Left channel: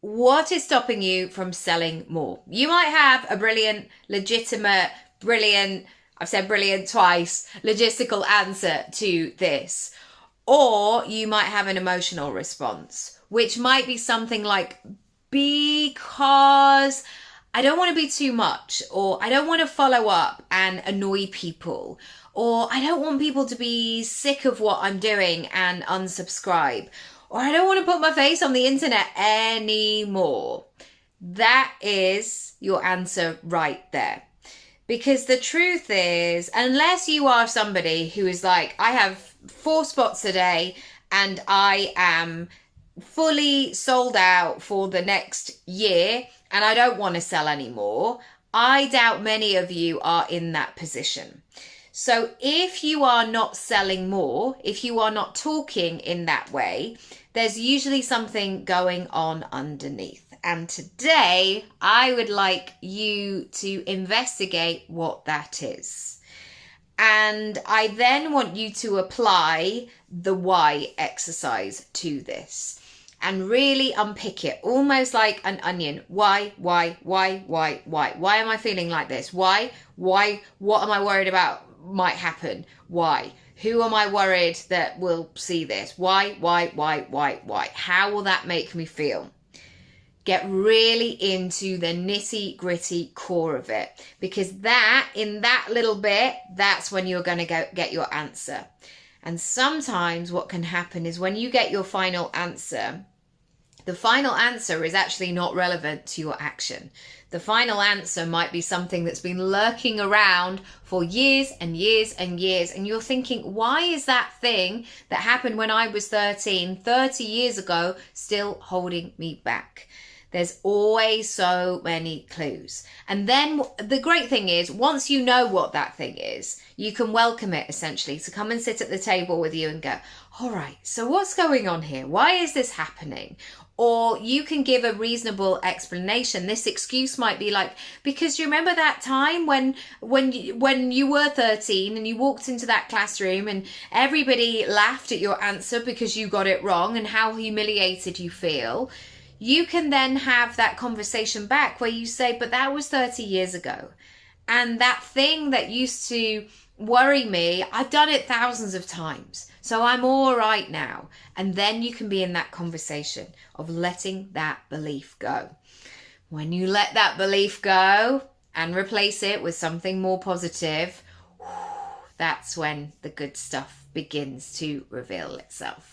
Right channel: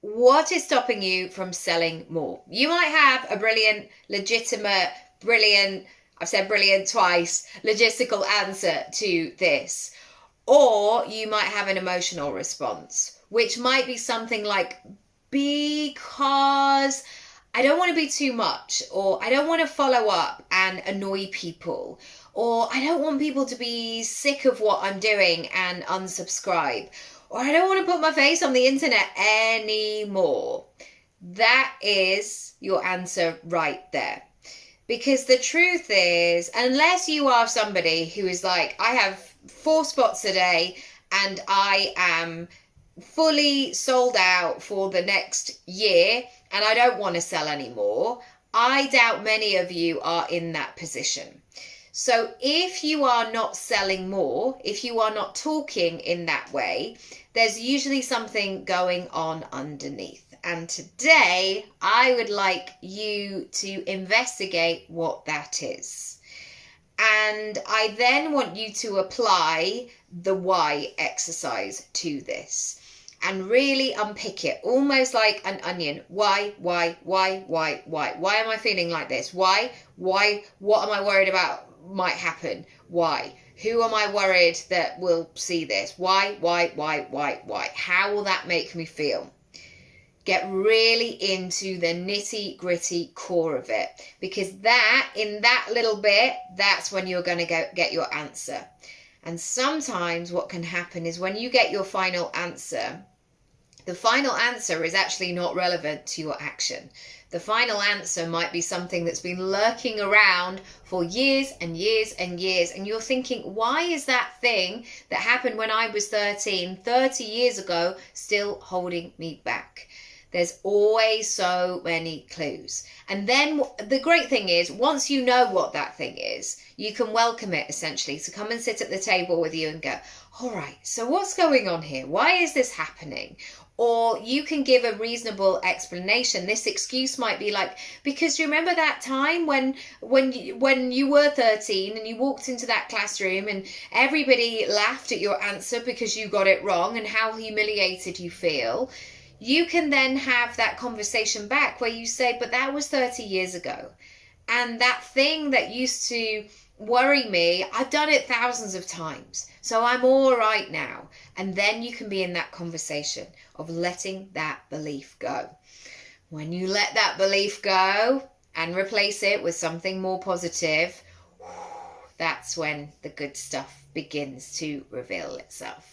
what is stopping you from selling more? You might have a brilliant, legitimate, brilliant, I've said brilliant twice, logistical answer to this. Or you might have an emotional response, which might be something like, because I don't want to be too much, or I don't want to follow up and annoy people, or I don't want people to be sick of what I'm doing and unsubscribe, or I don't want to put my face on the internet anymore. That is your answer right there. Because the truth is, unless you are somebody who is like, I have 4 spots a day and I am fully sold out for the next year and I don't want to sell anymore, I doubt many of you are in that position. So if you are not selling more, if you are not talking in that way, there's usually something going on underneath. And today I would like you to investigate what that is. And I then want you to apply the why exercise to this and really unpick it, almost like an onion. Why? Why am I feeling like this? Why? What am I worried about might happen? Why? Who am I worried that will see this? Why? How will that make me feel? Get really into the nitty gritty core of it, because in that little bit, that's when you're going to get your answer. And sometimes what can happen is when you get your final answer, the final answer is actually not relevant to your action. The final answer might be something that's been lurking around for years and years and years. And you're thinking, why is that thing that happened when I was 13, 30 years ago, still holding me back? There's always so many clues. And then the great thing is, once you know what that thing is, you can welcome it essentially to come and sit at the table with you and go, all right, so what's going on here? Why is this happening? Or you can give a reasonable explanation. This excuse might be like, because you remember that time when you were 13 and you walked into that classroom and everybody laughed at your answer because you got it wrong and how humiliated you feel. You can then have that conversation back where you say, but that was 30 years ago. And that thing that used to worry me, I've done it thousands of times. So I'm all right now. And then you can be in that conversation of letting that belief go. When you let that belief go and replace it with something more positive, that's when the good stuff begins to reveal itself.